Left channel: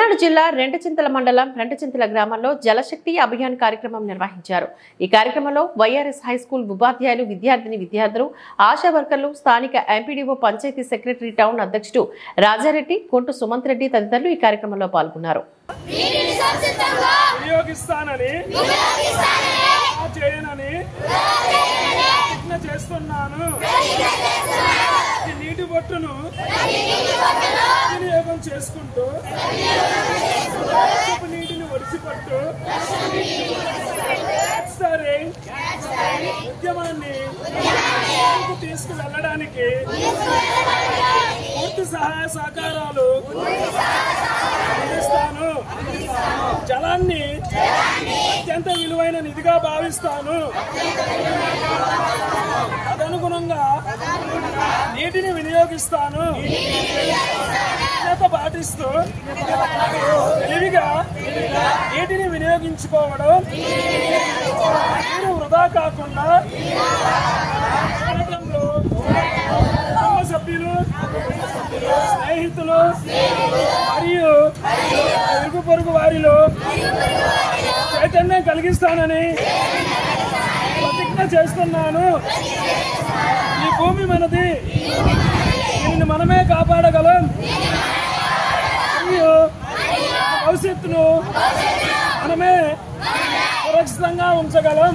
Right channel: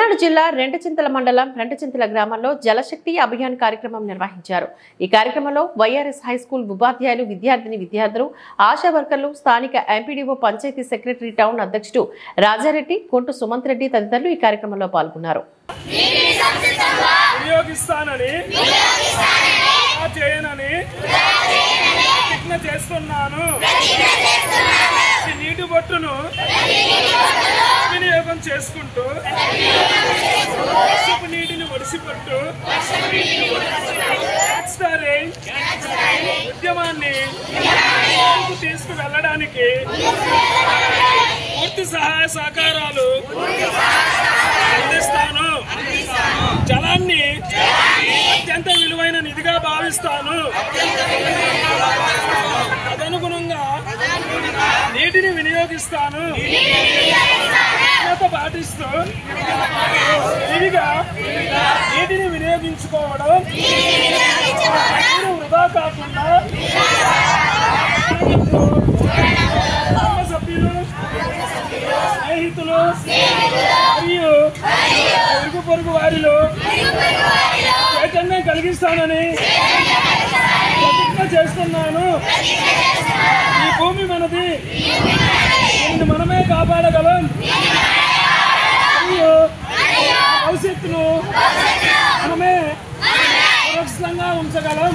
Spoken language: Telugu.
పల్నాడు జిల్లా రెంటచింతల మండలం రెంటచింతల గ్రామంలో జలశక్తి అభియాన్ కార్యక్రమం నిర్వహించారు। ఈ కార్యక్రమంలో వైఆర్ఎస్ హై స్కూల్ ఉపాధ్యాయులు, విద్యార్థులు, ఆశా వర్కర్లు, స్థానిక ఎంపీడీఓ, పంచాయతీ సెక్రటరీ, టౌన్ అధ్యక్షుడు రాజారెడ్డి, కొంటు సుమంత్ రెడ్డి తదితరులు ఈ కార్యక్రమంలో పాల్గొన్నారు। నీటి బొట్టును వినియోగం చేసుకుంటూ నీటిని ఒడిసిపట్టు ఉద్యమాన్ని తీసుకువెళ్ళడానికి పూర్తి సహాయ సహకారాలు అందిస్తాను। జలాన్ని అత్యంత విలువైన నిధిగా భావిస్తాను। తదనుగుణంగా నీటిని వినియోగిస్తాను। పాటిస్తూ విధిగా నీటిని వినియోగించుకోవడం, నీరు వృధా కాకుండా కుటుంబ సభ్యులు, స్నేహితులు మరియు ఇరుగు పొరుగు వారిలో చైతన్యం కలిగిస్తానని ప్రతిజ్ఞ చేస్తున్నాను। ఈ భూమి మనది, దీనిని మనమే కాపాడగలం మరియు భవిష్యత్తును మనమే సురక్షితంగా ఉంచగలం।